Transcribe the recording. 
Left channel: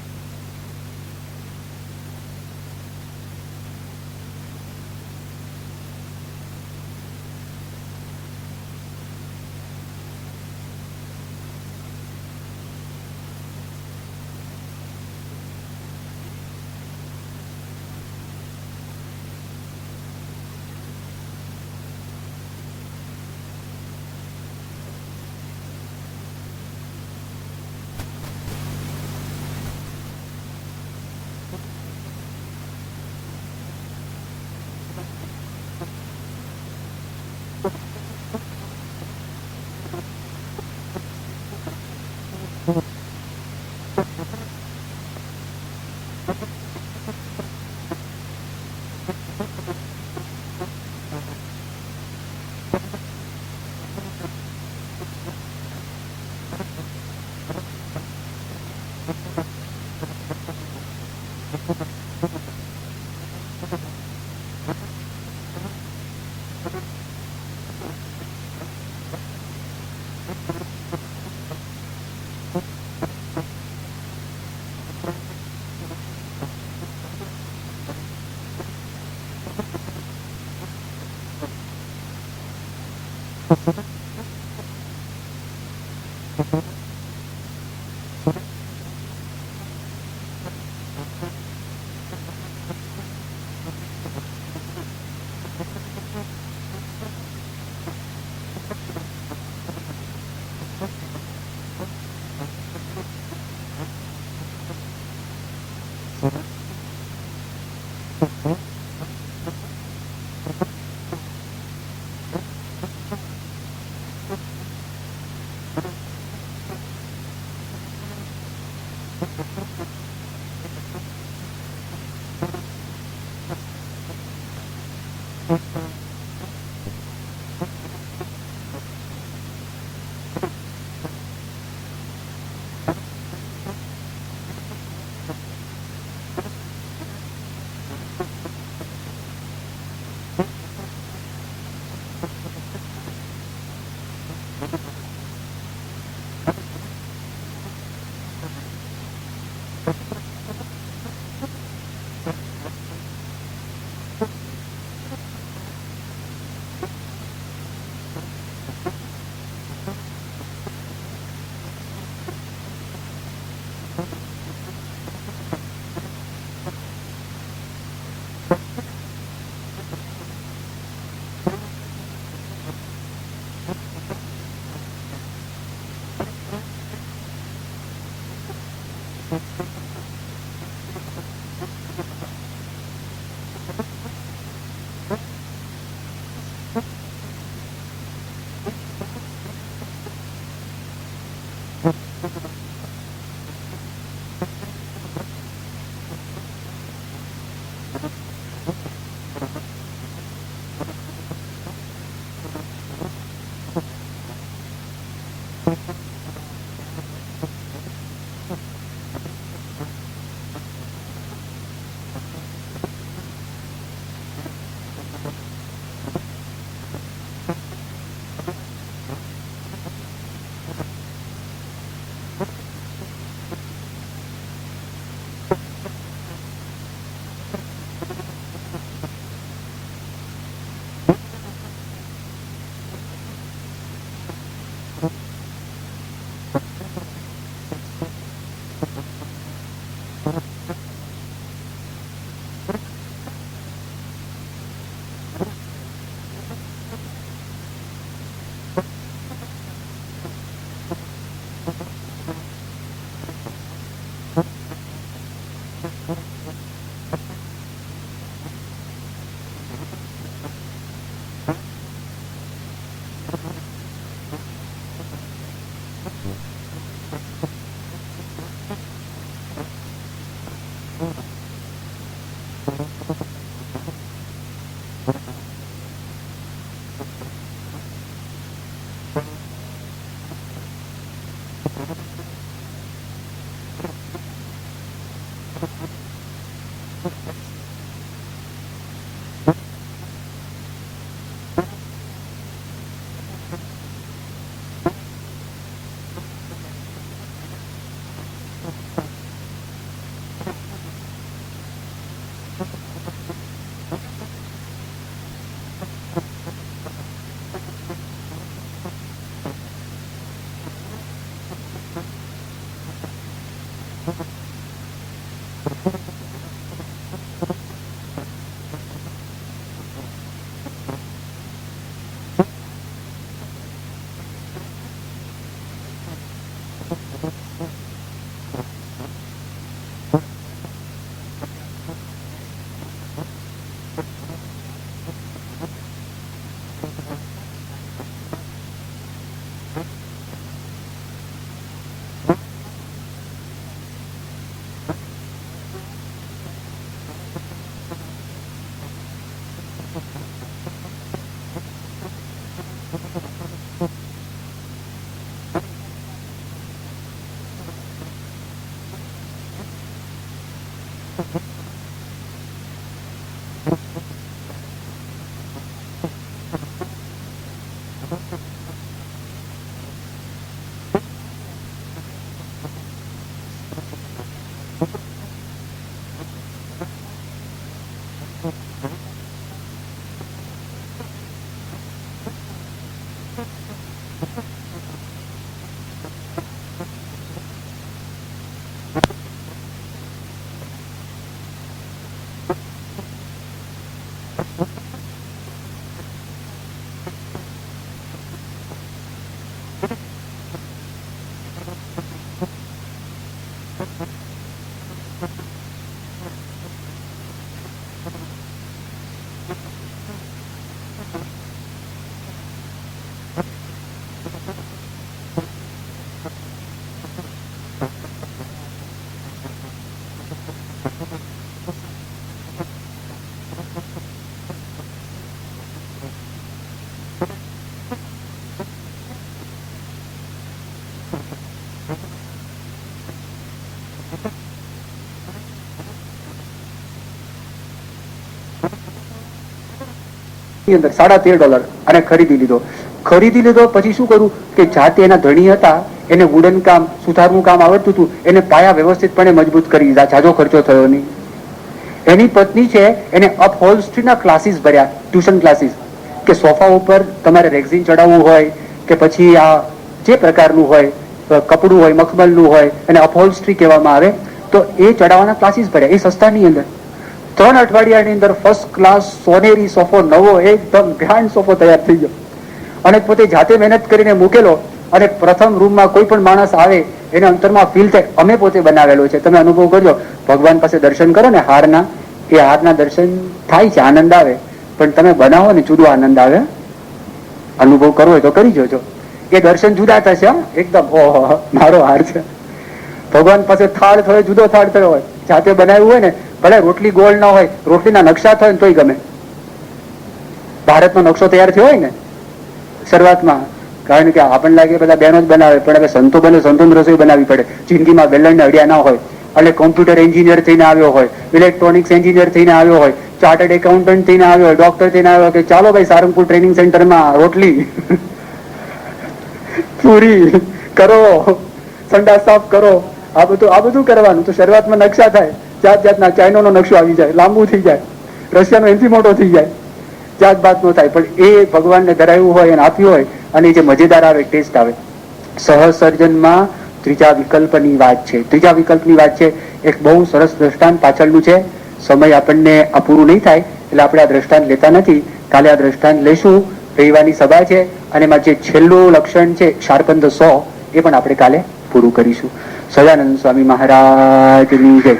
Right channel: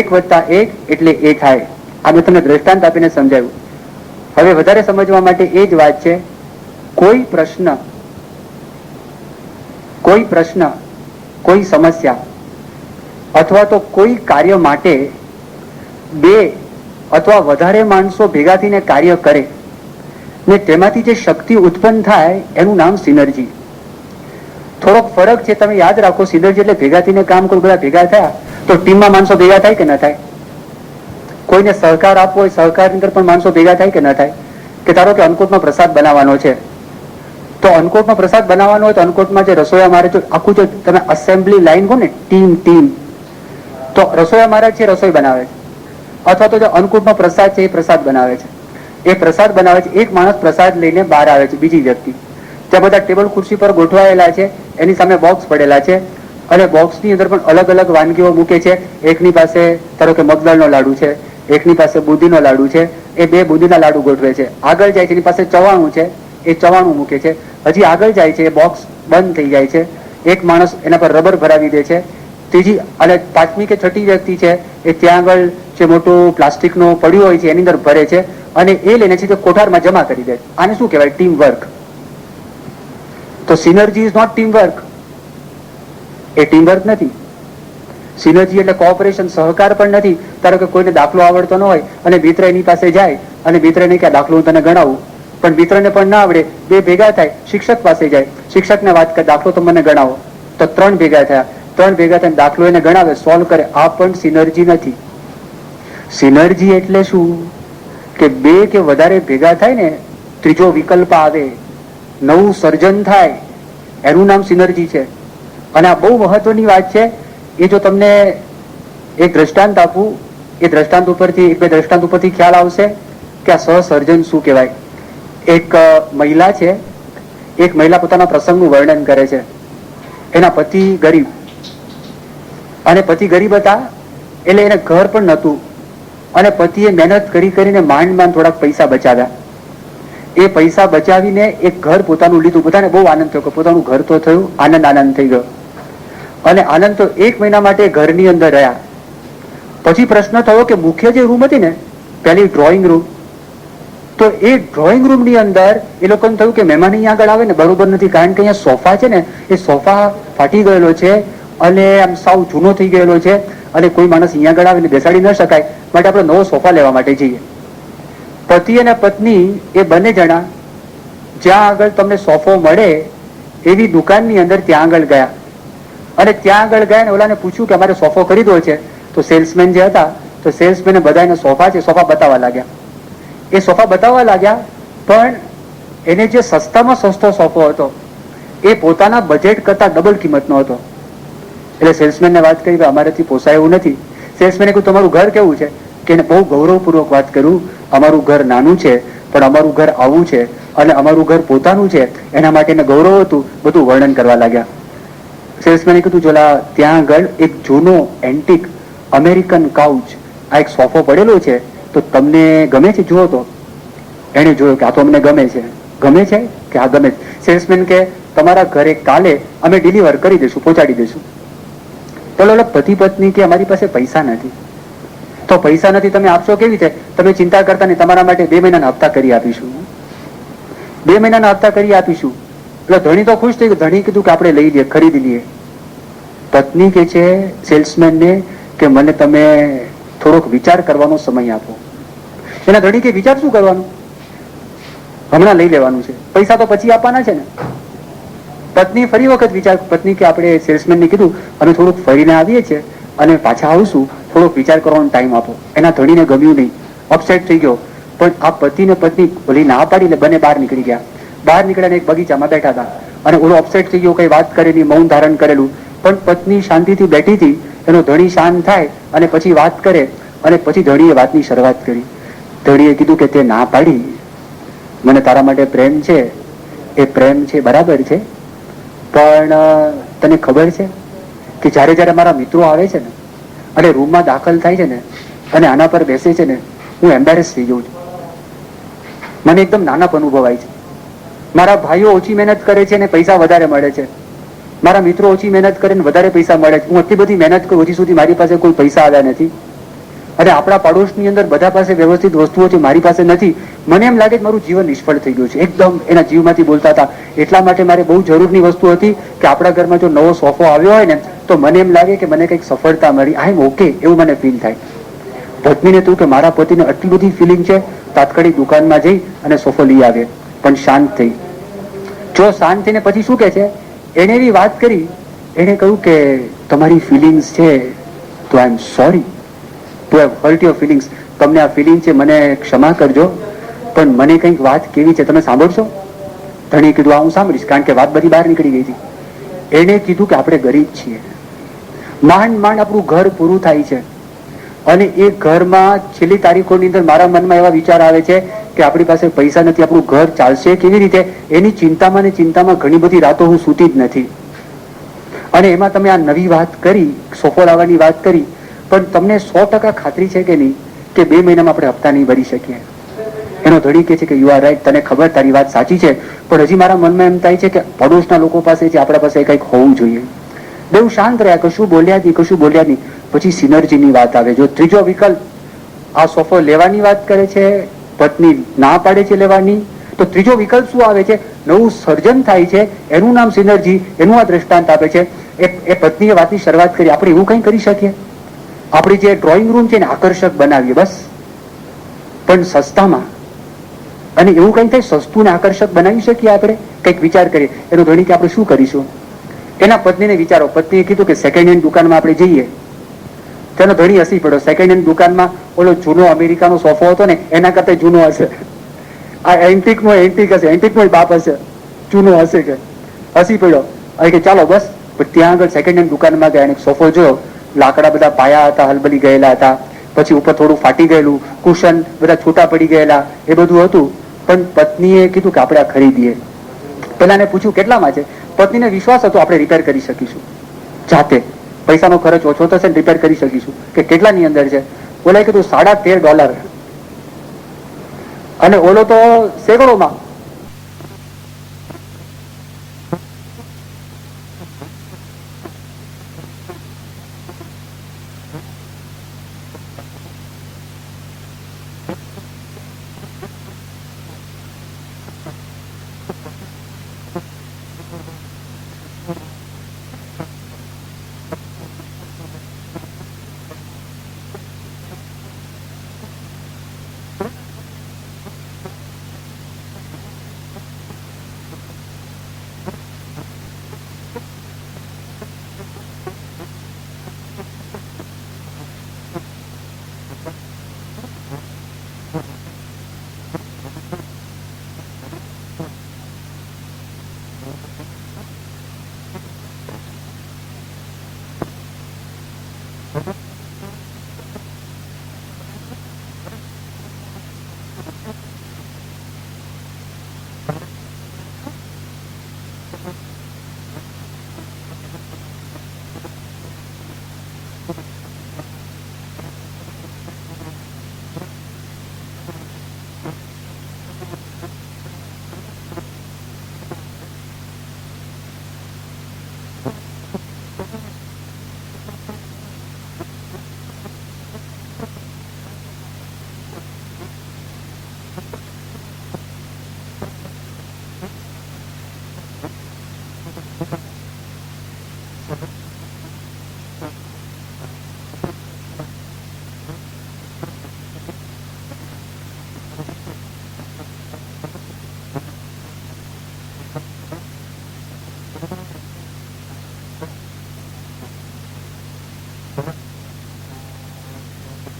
1+1 એટલે એ થાય. આ મેં તમને દ્રષ્ટાંત આપીને સમજાવ્યું. હવે વધારે સમજવા માટે એ જ વાત છે, કોઈ પ્રશ્ન, કોઈ સમસ્યા અથવા તો કોઈ કાર્ય માટે 2 અથવા વધારે માણસો ભેગા થઈને કાર્ય કરે ને તેમાંથી જે શક્તિ ઉત્પન્ન થાય એનું નામ સિનર્જી. થોડોક ફરક છે, તમે યાદ રાખો. સિનર્જી એટલે ભેગા થઈને કામ કરો, બધા ભેગા થયા તો ટીમમાં માણસો ભેગા થાય કે ન થાય? કોઈને સહકાર આપવો હોય, સહકારની અંદર પણ માણસો ભેગા થાય કે ન થાય? કે ધારો કે અન્નકૂટનો પ્રસાદ બનાવવાનો છે, તો અન્નકૂટનો પ્રસાદ બનાવવાનો હોય તો અન્નકૂટમાં જે રસોઈયા મારે છે, આખું જો તમે અસેમ્બલી લાઈન કહો ને, ટીમ, તો રસોઈયા મારે છે, રસોઈ બનાવે છે, અથવા તો જે અન્નકૂટનો પ્રસાદ છે એ પ્રસાદ બનાવે છે. એ પ્રસાદ બનાવે છે, એક માણસ પ્રસાદ લઈને બહાર આવે છે, બીજી વ્યક્તિ ત્યાં બધા ટેબલ ખુરશી પર ગોઠવાયેલા છે, એની સામે બોક્સ પડેલા છે અને બોક્સની અંદર પણ અલગ અલગ વાનગીઓ મૂકે છે. એકની પાસે ધારો કે મગદળનો લાડુ છે, એકની પાસે બુંદીનો લાડુ છે, એ 2 બુંદીના લાડુ ગોઠવે છે. આગળ જાય છે, એની પાસે ચવાણું છે, એ ચવાણું મૂકે છે. હજી આગળ જાય છે, એ બોક્સ બંધ થઈ જાય છે, એક માણસ એના પર રબર ભરાવી દે છે. ત્રીજી અને 5મી કે 6ઠી વ્યક્તિ છે એ ત્યાં આગળ જે મોટું પ્લાસ્ટિકનું પડ્યું હોય છે એની અંદર ભરે છે અને એ લઈને છે કોઠારમાં જમા કરી દે છે. આને શું કહેવાય? Team work. તો synergy is not team work, એ ટીમ વર્ક નથી. સિનર્જી એટલે કોઓપરેશન, સહકાર પણ નથી. ધારો કે કોઈને દાખલો આવડતો ન હોય અને મિત્ર એની પાસે જાય અને મિત્રને કે દાખલો હું તને ગણાવું, પણ મિત્રને પણ ના આવડે, 2 ભેગા થાય, શિક્ષક પાસે જાય, શિક્ષકને વાત કરે દાખલો તો મને ગણાવો, તો 3 ભેગા થયા, 3 ભેગા થઈને દાખલો એને ગણાવે, સોલ્વ કરે. આ પણ સિનર્જી નથી. સિનર્જી એટલે શું? કે 2 કે વધારે ભેગા થાય ને, ત્રીજો વિકલ્પ આવે, નવું સર્જન થાય, એનું નામ સિનર્જી છે. અને આ બહુ મહત્વની વાત છે. એ જો તમને એક દ્રષ્ટાંત આપું, એ દ્રષ્ટાંત ઉપરથી 1-2 દ્રષ્ટાંત ઉપરથી ખ્યાલ આવશે કે આ સહસર્જન શું કહેવાય. એક મહિલા છે, એક મહિલા પોતાના પ્રસંગનું વર્ણન કરે છે. એના પતિ ગરીબ, અને પતિ ગરીબ હતા એટલે એને ઘર પણ નહોતું, અને પતિએ મહેનત કરીને માંડ થોડાક પૈસા બચાવ્યા. એ પૈસા બચાવીને એક ઘર પોતાનું લીધું. બધાને બહુ આનંદ થયો કે પોતાનું ઘર તો થયું, આનંદ થઈ ગયો. અને આનંદ તો 1 મહિના માટે ઘરની અંદર રહ્યા. પછી પ્રશ્ન થયો કે મુખ્ય જે રૂમ હતી ને, પેલી ડ્રોઈંગ રૂમ, તો એ ડ્રોઈંગ રૂમની અંદર એ લોકોને થયું કે મહેમાન અહીંયા આગળ આવે ને બરોબર નથી, કારણ કે અહીંયા સોફા છે ને, એ સોફા ફાટી ગયેલો છે અને આમ સાવ જૂનો થઈ ગયેલો છે અને કોઈ માણસ અહીંયા આગળ આવે ને બેસાડી ન શકાય, માટે આપણે નવો સોફા લેવા માટે જઈએ. પતિ અને પત્ની એ બંને જણા જ્યાં આગળ તમને સોફો મળે એવી દુકાનની અંદર ત્યાં આગળ ગયા. અને ત્યાં આગળ ગયા ને ઓલાને પૂછ્યું કે અમારે સોફો ખરીદવો છે. તો સેલ્સમેન જે હતા, તો સેલ્સમેને બધાને સોફા છે, સોફા બતાવવા લાગ્યા. એ સોફા બતાવવા લાગ્યા, પણ એને જે સસ્તામાં સસ્તો સોફો હતો એ પોતાના બજેટ કરતા ડબલ કિંમતનો હતો. એટલે સેલ્સમેનને વાત કરી કે અમારાથી પોસાય એવું નથી. સેલ્સમેને કહ્યું તમારું ઘર કેવું છે? કે એને બહુ ગૌરવપૂર્વક વાત કર્યું, અમારું ઘર નાનું છે પણ અમારું ઘર આવું છે અને અમારું ઘર પોતાનું છે, એના માટે એને ગૌરવ હતું. બધું વર્ણન કરવા લાગ્યા. સેલ્સમેને કીધું જોલા ત્યાં આગળ એક જૂનો એન્ટિક અમેરિકન કાઉચ, આ એક સોફો પડેલો છે, તો તમને ગમે છે? જુઓ. તો એને જોયું કે આ તો અમને ગમે છે. ગમે છે કે હા ગમે છે. સેલ્સમેન કે તમારા ઘરે કાલે અમે ડિલિવર કરી દઈશું, પહોંચાડી દઈશું. પેલો પતિ પત્ની કે અમારી પાસે પૈસા નથી. તો પૈસા નથી, તમે આપશો કેવી રીતે? તમે ચિંતા કરતા નહીં, તમારા માટે 2 મહિનાના હપ્તા કરી આપીશું. 2 મહિનાના હપ્તા કરી આપીશું. એટલે ધણી તો ખુશ થઈ ગઈ. ધણી કીધું કે આપણે લઈ લઈએ, ખરીદી લઈએ. પત્ની કે છે સેલ્સમેનને કે મને તમે થોડોક વિચાર કરવાનો સમય આપો. એના ધણી કે વિચાર શું કરવાનું, હમણાં લઈ લેવાનું છે, પૈસા તો પછી આપવાના છે ને. પત્ની ફરી વખત વિચાર, પત્ની કે આપણે સેલ્સમેનને કીધું અમે થોડુંક ફરીને આવીએ છીએ અને પાછા આવશું, થોડોક વિચાર કરવાનો ટાઈમ આપો. એના ધણીને ગમ્યું નહીં, અપસેટ થઈ ગયો. પણ આ પતિ ને પત્ની ભલી ના પાડી, બંને બહાર નીકળી ગયા. બહાર નીકળ્યા એક બગીચામાં બેઠા હતા અને ઓલો અપસેટ થઈ ગયો, કઈ વાત કરેલી, મૌન ધારણ કરેલું. પણ પત્ની શાંતિથી બેઠી હતી. એનો ધણી શાંત થાય અને પછી વાત કરે અને પછી ધણીએ વાતની શરૂઆત કરી. ધણીએ કીધું કે તે ના પાડી, મને તારા માટે પ્રેમ છે, એ પ્રેમ છે બરાબર છે, પણ તને ખબર છે કે જ્યારે જ્યારે મારા મિત્રો આવે છે ને અને રૂમમાં દાખલ થાય છે ને અને આના પર બેસે છે ને, હું એમ્બેરેસ થઈ જઉં છું. મને એકદમ નાનપ અનુભવાય છે. મારા ભાઈઓ ઓછી મહેનત કરે છે ને પૈસા વધારે મળે છે, મારા મિત્રો ઓછી મહેનત કરે ને વધારે પૈસા મળે છે. હું આટલી બધી મહેનત કરું, હજી સુધી મારી પાસે કોઈ પૈસા આવ્યા નથી. અને આપણા પાડોશની અંદર બધા પાસે વ્યવસ્થિત વસ્તુઓ છે, મારી પાસે નથી, મને એમ લાગે કે મારું જીવન નિષ્ફળ થઈ ગયું છે. એકદમ એના જીવમાંથી બોલતા હતા. એટલા માટે મારે બહુ જરૂરની વસ્તુ હતી કે આપણા ઘરમાં જો નવો સોફો આવ્યો હોય ને તો મને એમ લાગે કે મને કંઈક સફળતા મળી, આઈ એમ ઓકે, એવું મને ફીલ થાય. પત્નીને થયું કે મારા પતિને આટલી બધી ફિલિંગ છે, તાત્કાલિક દુકાનમાં જઈ અને સોફો લઈ આવે. પણ શાંત થઈ. જો શાંત થઈને પછી શું કે છે, એને એવી વાત કરી, એને કહ્યું કે તમારી ફિલિંગ્સ છે તો I am sorry to have hurt your feelings. તમને આ ફિલિંગ છે, મને ક્ષમા કરજો, પણ મને કંઈક વાત કેવી છે, તમે સાંભળશો? ધણી કીધું આ હું સાંભળીશ, કારણ કે વાત બધી બહાર નીકળી ગઈ હતી. એને કીધું કે આપણે ગરીબ છીએ, માંડ માંડ આપણું ઘર પૂરું થાય છે, અને એ ઘરમાં છેલ્લી તારીખોની અંદર મારા મનમાં એવા વિચાર આવે છે કે આપણી પાસે પૈસા નથી, આપણું ઘર ચાલશે કેવી રીતે, એની ચિંતામાં ને ચિંતામાં ઘણી બધી રાતો હું સૂતી જ નથી. અને એમાં તમે આ નવી વાત કરી, સોફો લાવવાની વાત કરી, પણ તમને 100% ખાતરી છે કે નહીં કે 2 મહિનામાં આપણે હપ્તા નહીં ભરી શકીએ? એનો ધણી કહે છે કે યુ આર રાઈટ, તને ખબર, તારી વાત સાચી છે, પણ હજી મારા મનમાં એમ થાય છે કે પડોશના લોકો પાસે છે, આપણા પાસે કંઈક હોવું જોઈએ. બેઉ શાંત રહ્યા, કશું બોલ્યા નહીં. પછી સિનર્જીની વાત આવે. જો ત્રીજો વિકલ્પ, આ સોફો લેવાની વાત કરે છે, પત્ની ના પાડે છે લેવાની, તો ત્રીજો વિકલ્પ શું આવે છે? નવું સર્જન થાય છે, એનું નામ સિનર્જી, એનું આ દ્રષ્ટાંત આપે છે. એ પત્નીએ વાતની શરૂઆત કરી, આપણે એવું કંઈ કરી શકીએ, આપણી જે ડ્રોઈંગ રૂમ છે એને આકર્ષક બનાવીએ બસ, પણ સસ્તામાં. અને એવું કંઈ થાય, સસ્તું ને આકર્ષક બનાવી શકીએ આપણે? કંઈક વિચાર કરીએ. એનો ધણી કે આપણે શું કરીશું? એના પત્નીને વિચારો. પત્નીએ કીધું કે સેકન્ડ હેન્ડ દુકાનમાં આપણે જઈએ. તેનો ધણી હસી પડ્યો. સેકન્ડ હેન્ડ દુકાનમાં ઓલો જૂનો અમેરિકાનો સોફો હતો ને એના કરતા જૂનો હશે, આ એન્ટિકનો એન્ટિક હશે, એન્ટિકનો બાપ હશે, જૂનો હશે કે. હસી પડ્યો. હવે કે ચાલો બસ. પણ ત્યાં આગળ સેકન્ડ હેન્ડ દુકાનમાં ગયા, એક સોફો જોયો, લાકડા બધા પાયા હતા, હલબલી ગયેલા હતા, પછી ઉપર થોડું ફાટી ગયેલું, કુશન બધા છૂટા પડી ગયેલા, એ બધું હતું. પણ પત્નીએ કીધું કે આપણે આ ખરીદીએ. પેલાને પૂછ્યું કેટલામાં છે? પત્નીને વિશ્વાસ હતો આપણે રિપેર કરી શકીશું જાતે, પૈસાનો ખર્ચ ઓછો થશે, રિપેર કરી શકીશું. કે કેટલાની અંદર છે? ઓલાએ કીધું $13.5. અને ઓલો તો સેંકડોમાં ની અંદર $13.5. અને ખરીદી લીધો. પછી શું કર્યું કે જાતે એના ધણી હતા, એને વુડન કામ, સુથારનું કામ આવડતું હતું, એને પાયા વ્યવસ્થિતપણે મજબૂત કરી દીધા, જાજો ખર્ચો થયો નહીં. એની પત્ની છે એને અપહોલ્સ્ટ્રીના ક્લાસીસ ભર્યા, ટ્યુશન ક્લાસીસ, કે સોફા ઉપર તમારે રેક્ઝિન ચડાવવું હોય કે પછી આ જે પ્રકારનું હોય, કપડું હોય, મખમલનું હોય, એને અપહોલ્સ્ટ્રી કહેવામાં આવે, તો એ ચડાવવાના ક્લાસીસ ભર્યા, એ સસ્તાની અંદર. 3 અઠવાડિયાની અંદર ફર્સ્ટ ક્લાસ સોનેરી સોફો, નવો એકદમ ગ્રાન્ડ સોફો તૈયાર થઈ ગયો. અને પોતે જાતે મહેનત કરીને મૂકેલો. અને પ્રથમ રૂમમાં કોઈ પણ માણસ આવે એને અંતરમાં ફીલ થાય, અમે પોતે બનાવેલો છે. તમે અનુભવ કરજો, ભગવાન પાસે દર્શન કરો ને હારના, એ હારના દર્શન થાય છે, આનંદ આવે, પણ તમે બનાવો ને જુદો આનંદ આવે. અનુભવ કરવો હોય તો કરી જોજો, એ દર્શન જુદા થશે એકદમ. ઓહો, મારો હાર છે. ભગવાન પાસે થાળ થયો, જુદો થાળ થયો હોય, જાતે બનાવ્યું હોય ને, ભલે રોટલી ગોળ ના હોય, રોટલીના નકશા થાય ને તોય ગમે. ભારતનો નકશો તૈયાર થયો હોય ને શરૂઆતમાં, કારણ કે આપણને લાગે બધા બહેનો જ બનાવે, પણ હવે સંતો બને, સંતોની રસોઈ બનાવવી પડે. જિંદગીમાં વેલણને અડ્યા ના હોય, એટલે કોમ્પ્યુટર એન્જિનિયર થઈને આવ્યો હોય, ઇલેક્ટ્રોનિક્સ એન્જિનિયર થઈને આવ્યો હોય, ચાર્ટર્ડ એકાઉન્ટન્ટ થઈને આવ્યો હોય, ડોક્ટર થઈને આવ્યો કે ચાલો ભાઈ સારંગપુર ટ્રેનિંગ સેન્ટરમાં રોટલી પૂરી કરો, સંડા સાફ કરો, આ બધું કરવાનું. તો શરૂઆતમાં નકશા થાય, જાત જાતના. ચાઇનાનો નકશો આવી જાય, લાંબુ થઈ જાય, રશિયાનો એનથી મોટો થઈ જાય, જાત બાત નો થાય. પણ એ ભગવાનને ધરાવ્યું હોય અને આપ્યું હોય, અને જે મજેદાર આવે, ટેસ્ટ આવે. સહસર્જનમાં ત્રીજા વિકલ્પની વાત છે. ત્રીજા વિકલ્પની વાત છે, એક બહુ સરસ દ્રષ્ટાંત પાછળનું છે. સમય આપણને આ પૂરું નહીં થાય એટલે આપણે આ દ્રષ્ટાંત લેતા નથી. કાલે આ દ્રષ્ટાંત લઈશું. રવિવારની સભા છે, અને એમાં જે છેલ્લું લક્ષણ છે શાર્પન ધ સો, એ પણ આપણે કાલે પૂરું કરીશું. સદાનંદ સ્વામી મહારાજની જય.